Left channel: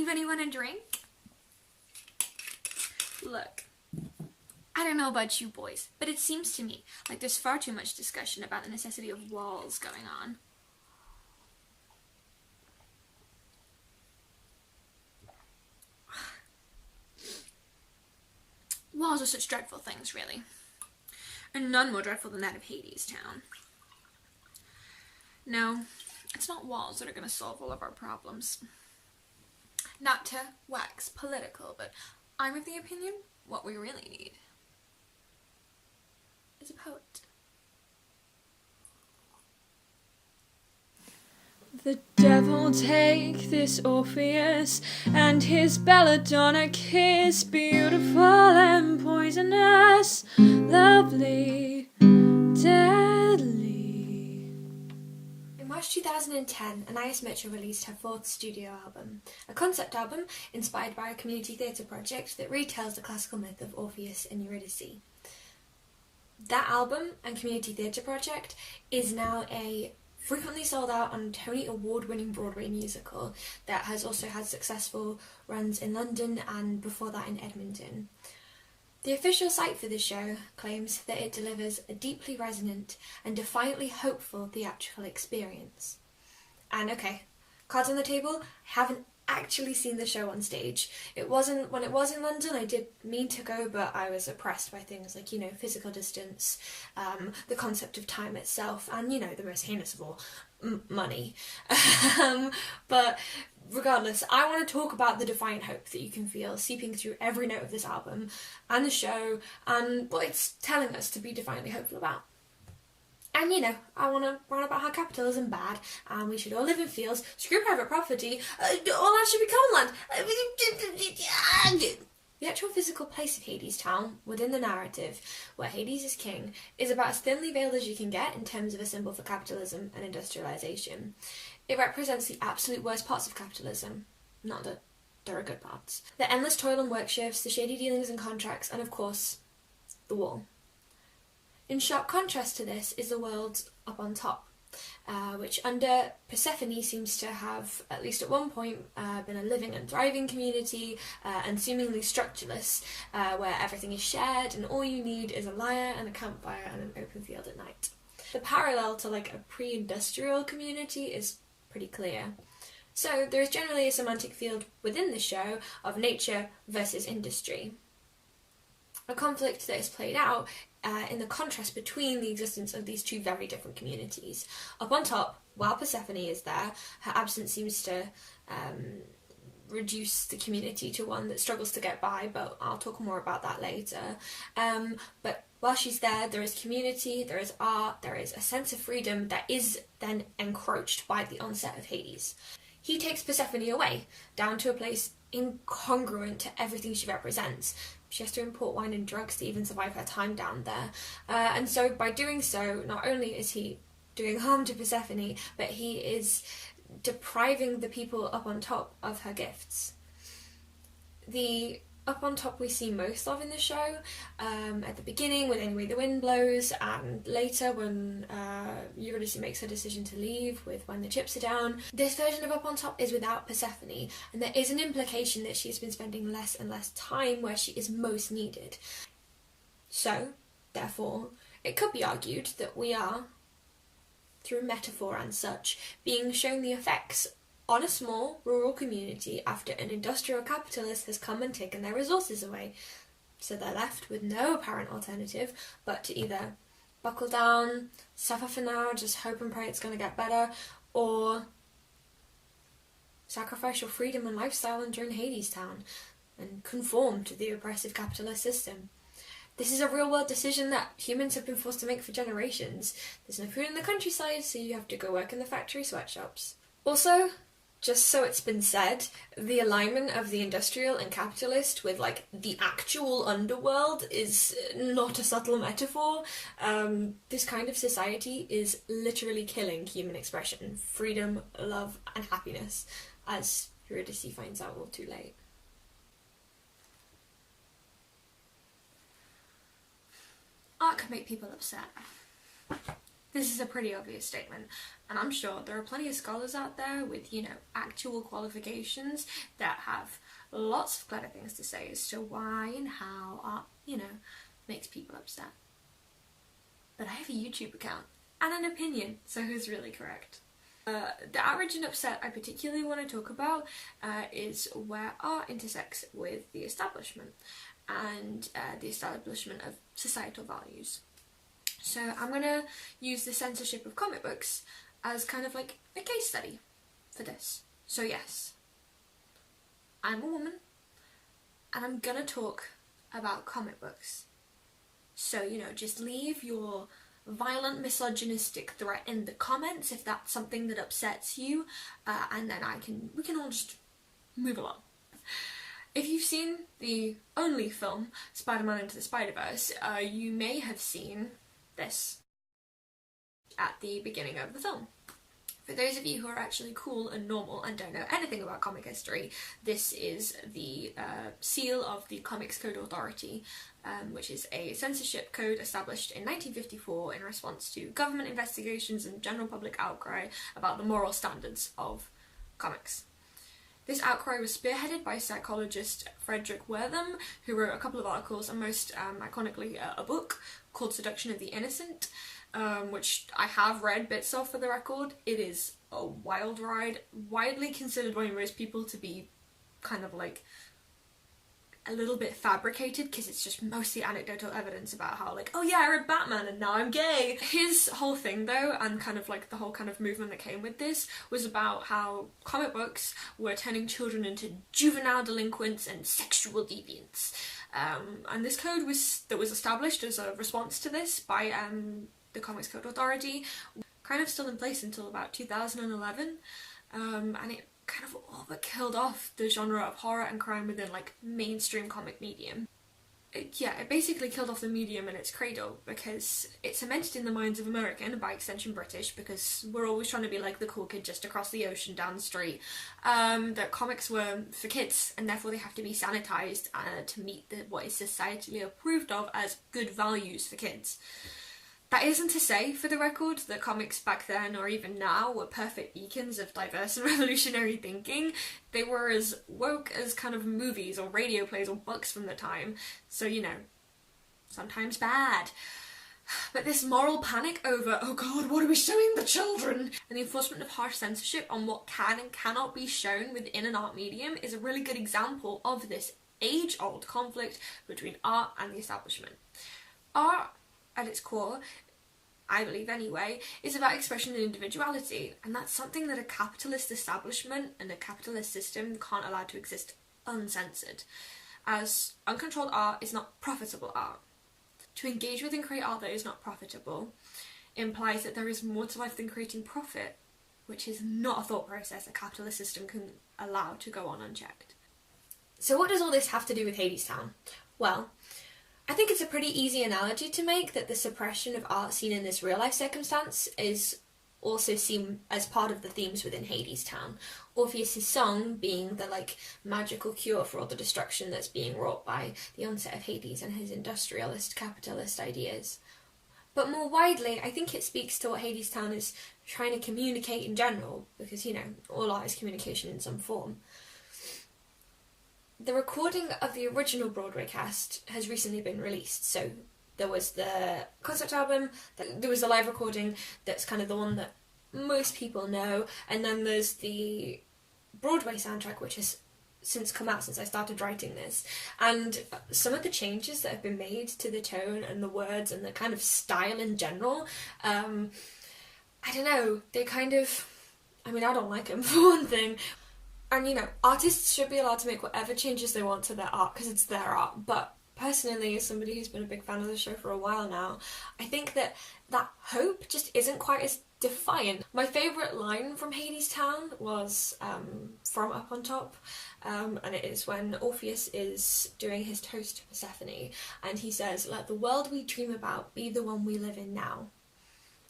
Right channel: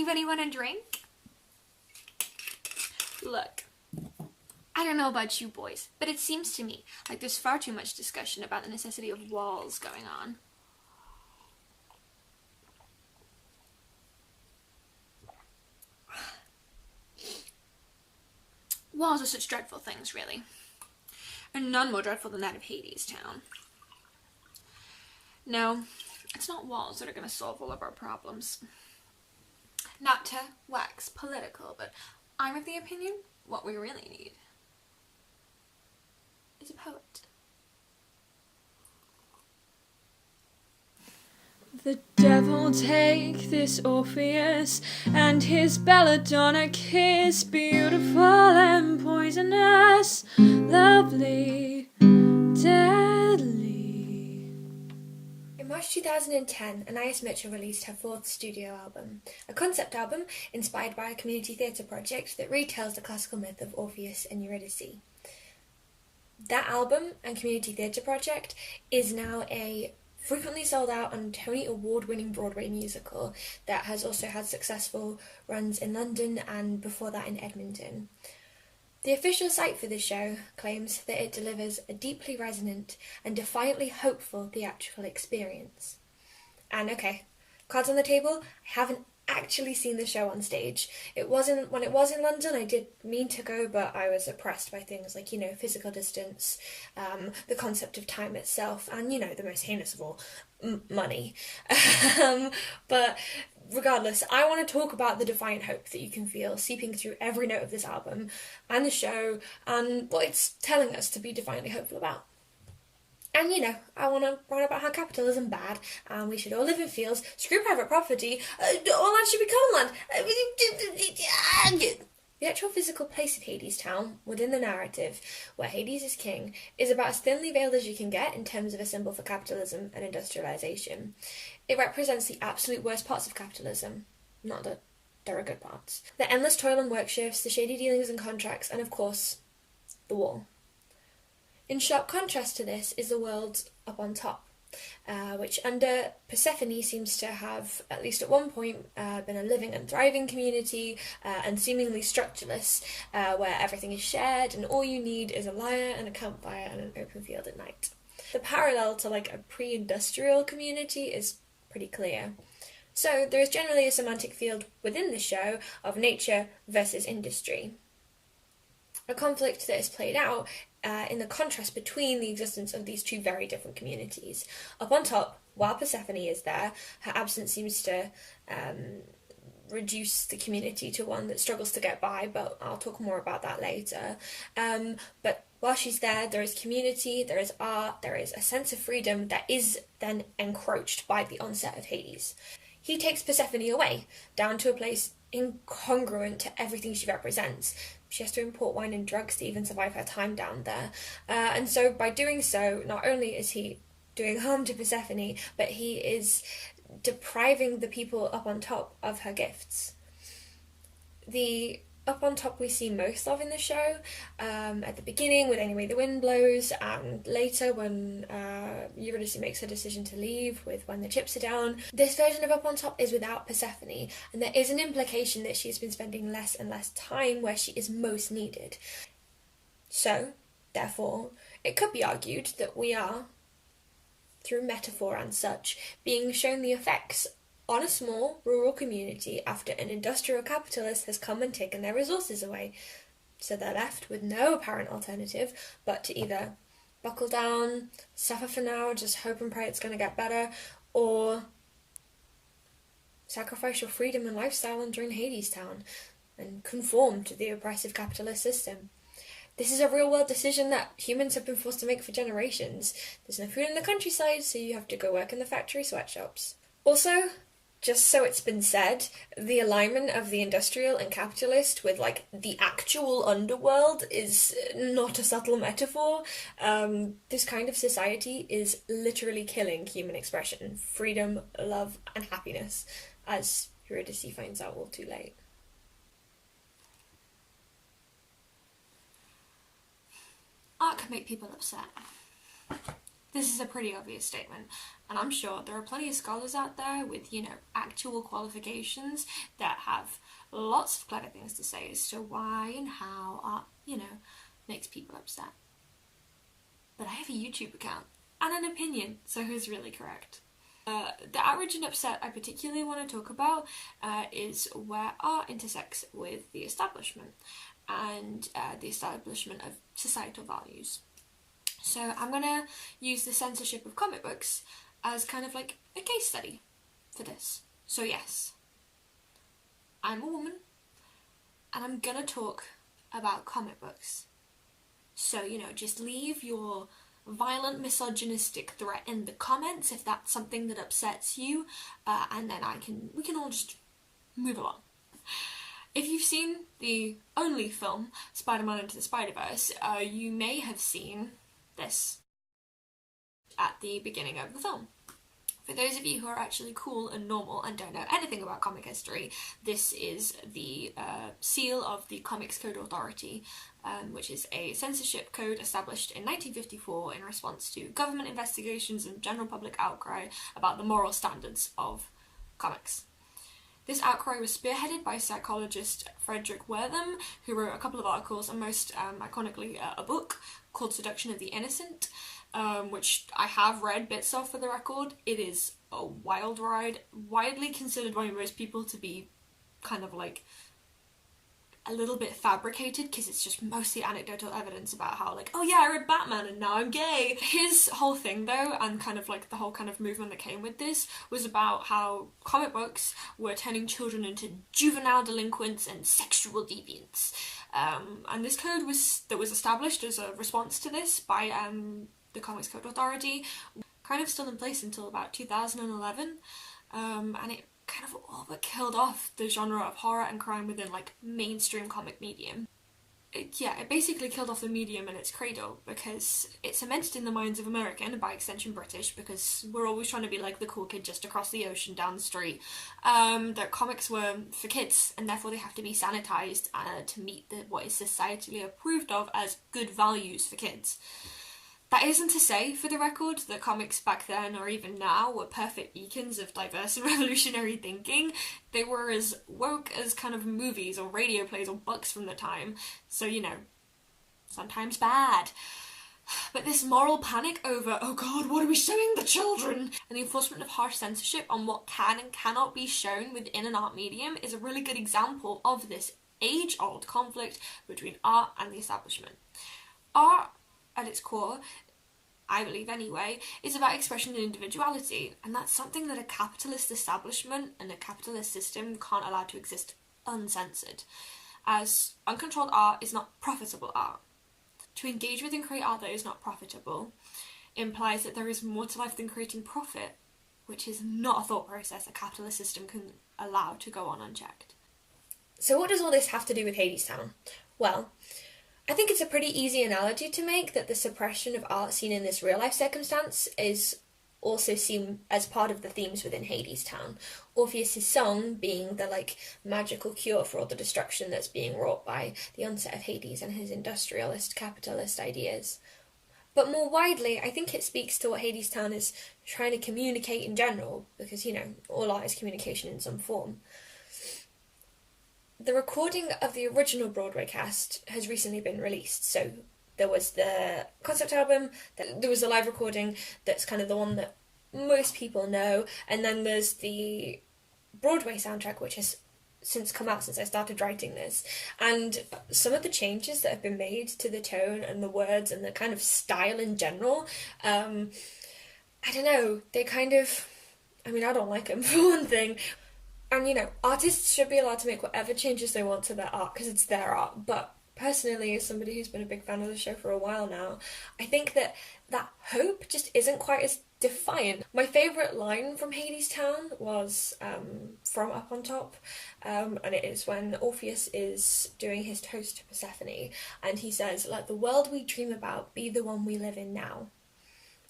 Anybody want a drink? Look, I don't know about you boys, but it seems to me like there's far too much discussion about the necessity of walls going on. Walls are such dreadful things, really. And none more dreadful than that of Hadestown. No, it's not walls that are going to solve all of our problems. Not to wax political, but I'm of the opinion what we really need is a poet. The devil take this Orpheus and his belladonna kiss, beautiful and poisonous, lovely, deadly. In March 2010, Anais Mitchell released her fourth studio album, a concept album inspired by a community theatre project that retells the classical myth of Orpheus and Eurydice. That album and community theatre project is now a frequently sold out and Tony Award-winning Broadway musical that has also had successful runs in London and before that in Edmonton. The official site for the show claims that it delivers a deeply resonant and defiantly hopeful theatrical experience. And okay, cards on the table, I haven't actually seen the show on stage. When it was in London, I did mean to go, but I was oppressed by things like, physical distance, the concept of time itself, and, the most heinous of all, money. But regardless, I want to talk about the defiant hope that you can feel seeping through every note of this album and the show, and what it's telling us to be defiantly hopeful about. And, I want to write about how capitalism bad, and we should all live in fields, screw private property, all land should be common land. The actual physical place of Hadestown, within the narrative, where Hades is king, is about as thinly veiled as you can get in terms of a symbol for capitalism and industrialisation. It represents the absolute worst parts of capitalism, not that there are good parts. The endless toil and work shifts, the shady dealings and contracts, and of course, the wall. In sharp contrast to this is the world up on top, which under Persephone seems to have, at least at one point, been a living and thriving community and seemingly structureless, where everything is shared and all you need is a lyre and a campfire and an open field at night. The parallel to a pre-industrial community is pretty clear. So there is generally a semantic field within the show of nature versus industry. A conflict that is played out in the contrast between the existence of these two very different communities. Up on top, while Persephone is there, her absence seems to reduce the community to one that struggles to get by, but I'll talk more about that later. But while she's there is community, there is art, there is a sense of freedom that is then encroached by the onset of Hades. He takes Persephone away, down to a place incongruent to everything she represents. She has to import wine and drugs to even survive her time down there. And so by doing so, not only is he doing harm to Persephone, but he is depriving the people up on top of her gifts. The up on top we see most of in the show, at the beginning with Any Way the Wind Blows, and later when Eurydice makes her decision to leave with When the Chips Are Down. This version of up on top is without Persephone, and there is an implication that she has been spending less and less time where she is most needed. So, therefore, it could be argued that we are, through metaphor and such, being shown the effects on a small rural community after an industrial capitalist has come and taken their resources away. So they're left with no apparent alternative but to either buckle down, suffer for now, just hope and pray it's going to get better, or sacrifice your freedom and lifestyle and join Hadestown and conform to the oppressive capitalist system. This is a real-world decision that humans have been forced to make for generations. There's no food in the countryside, so you have to go work in the factory sweatshops. Also, just so it's been said, the alignment of the industrial and capitalist with, the actual underworld is not a subtle metaphor. This kind of society is literally killing human expression, freedom, love, and happiness, as Eurydice finds out all too late. Art can make people upset. This is a pretty obvious statement, and I'm sure there are plenty of scholars out there with, actual qualifications that have lots of clever things to say as to why and how art, makes people upset. But I have a YouTube account and an opinion, so who's really correct? The outrage and upset I particularly want to talk about is where art intersects with the establishment and the establishment of societal values. So I'm going to use the censorship of comic books as kind of like a case study for this. So yes, I'm a woman and I'm going to talk about comic books. So, just leave your violent misogynistic threat in the comments if that's something that upsets you, and then we can all just move along. If you've seen the only film, Spider-Man Into the Spider-Verse, you may have seen this at the beginning of the film. For those of you who are actually cool and normal and don't know anything about comic history, this is the seal of the Comics Code Authority, which is a censorship code established in 1954 in response to government investigations and general public outcry about the moral standards of comics. This outcry was spearheaded by psychologist Frederic Wertham, who wrote a couple of articles and most iconically a book called Seduction of the Innocent, which I have read bits of for the record. It is a wild ride, widely considered by most people to be kind of like a little bit fabricated, because it's just mostly anecdotal evidence about how oh yeah, I read Batman and now I'm gay. His whole thing though, and kind of the whole kind of movement that came with this, was about how comic books were turning children into juvenile delinquents and sexual deviants. And this code was established as a response to this by the Comics Code Authority, kind of still in place until about 2011, and it kind of all but killed off the genre of horror and crime within mainstream comic medium. It basically killed off the medium in its cradle, because it cemented in the minds of American, and by extension British, because we're always trying to be like the cool kid just across the ocean down the street, that comics were for kids, and therefore they have to be sanitized to meet what is societally approved of as good values for kids. That isn't to say, for the record, that comics back then, or even now, were perfect beacons of diverse and revolutionary thinking. They were as woke as kind of movies or radio plays or books from the time, so, sometimes bad. But this moral panic over, oh god, what are we showing the children? And the enforcement of harsh censorship on what can and cannot be shown within an art medium is a really good example of this age-old conflict between art and the establishment. Art, at its core, I believe anyway, is about expression and individuality, and that's something that a capitalist establishment and a capitalist system can't allow to exist uncensored, as uncontrolled art is not profitable art. To engage with and create art that is not profitable implies that there is more to life than creating profit, which is not a thought process a capitalist system can allow to go on unchecked. So what does all this have to do with Hadestown? Well, I think it's a pretty easy analogy to make that the suppression of art seen in this real-life circumstance is also seen as part of the themes within Hadestown. Orpheus' song being the, magical cure for all the destruction that's being wrought by the onset of Hades and his industrialist, capitalist ideas. But more widely, I think it speaks to what Hadestown is trying to communicate in general, because, all art is communication in some form. The recording of the original Broadway cast has recently been released, so there was the concept album, there was the live recording that's kind of the one that most people know, and then there's the Broadway soundtrack, which has since come out since I started writing this, and some of the changes that have been made to the tone and the words and the kind of style in general, I don't know, they kind of, I don't like them for one thing. And, artists should be allowed to make whatever changes they want to their art, because it's their art. But personally, as somebody who's been a big fan of the show for a while now, I think that hope just isn't quite as defiant. My favourite line from Hadestown was from Up on Top, and it is when Orpheus is doing his toast to Persephone, and he says, "Let the world we dream about be the one we live in now."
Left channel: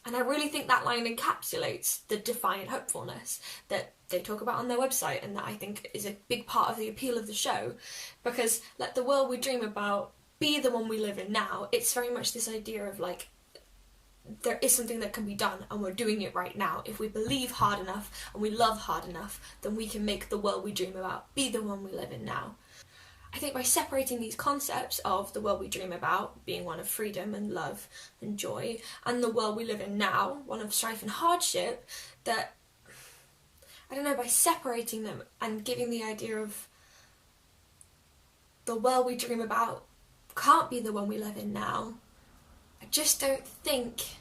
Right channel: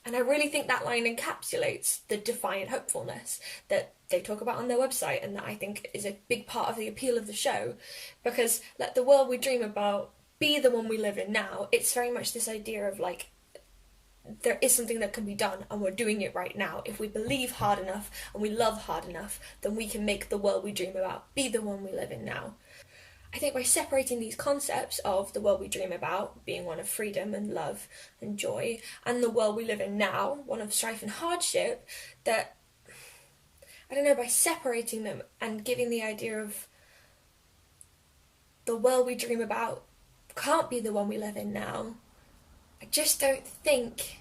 And I really think that line encapsulates the defiant hopefulness that they talk about on their website, and that I think is a big part of the appeal of the show, because let the world we dream about be the one we live in now. It's very much this idea of there is something that can be done, and we're doing it right now. If we believe hard enough and we love hard enough, then we can make the world we dream about be the one we live in now. I think by separating these concepts of the world we dream about being one of freedom and love and joy, and the world we live in now, one of strife and hardship, that, I don't know, by separating them and giving the idea of the world we dream about can't be the one we live in now, I just don't think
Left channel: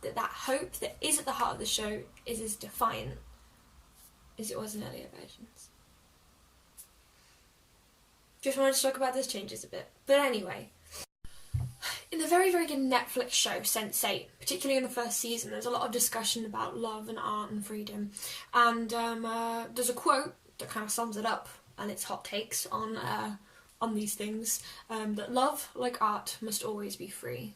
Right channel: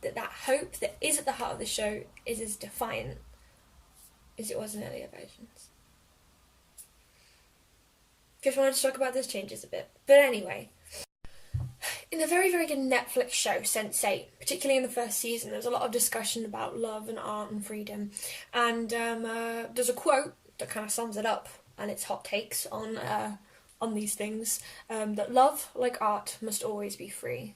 that hope that is at the heart of the show is as defiant as it was in earlier versions. Just wanted to talk about those changes a bit. But anyway, in the very, very good Netflix show, Sense8, particularly in the first season, there's a lot of discussion about love and art and freedom. And there's a quote that kind of sums it up, and it's hot takes on these things, that love, like art, must always be free.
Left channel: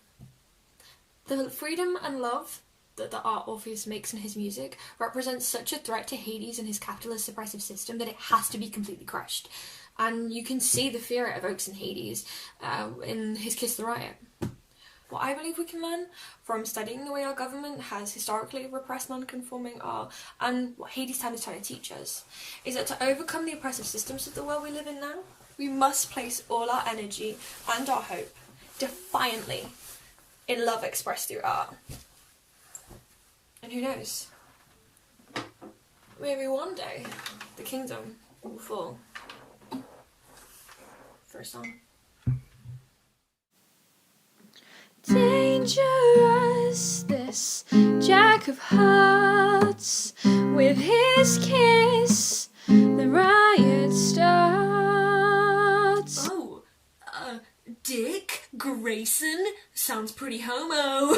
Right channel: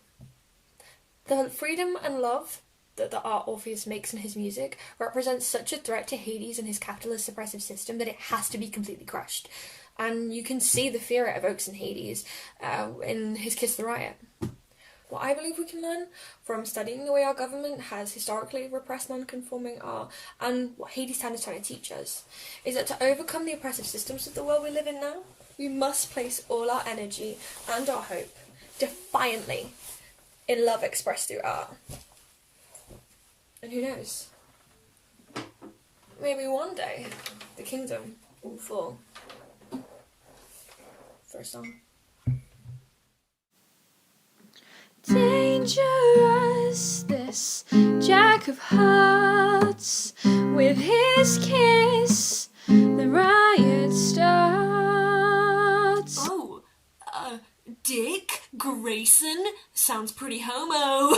The freedom and love that the art Orpheus makes in his music represents such a threat to Hades and his capitalist oppressive system that it has to be completely crushed. And you can see the fear it evokes in Hades in his Kiss the Riot. What I believe we can learn from studying the way our government has historically repressed non-conforming art, and what Hadestown is trying to teach us, is that to overcome the oppressive systems of the world we live in now, we must place all our energy and our hope defiantly in love expressed through art. And who knows? Maybe one day the kingdom will fall. For a song. Dangerous, this Jack of Hearts, with his kiss, the riot starts. Oh, Dick Grayson sounds pretty homo.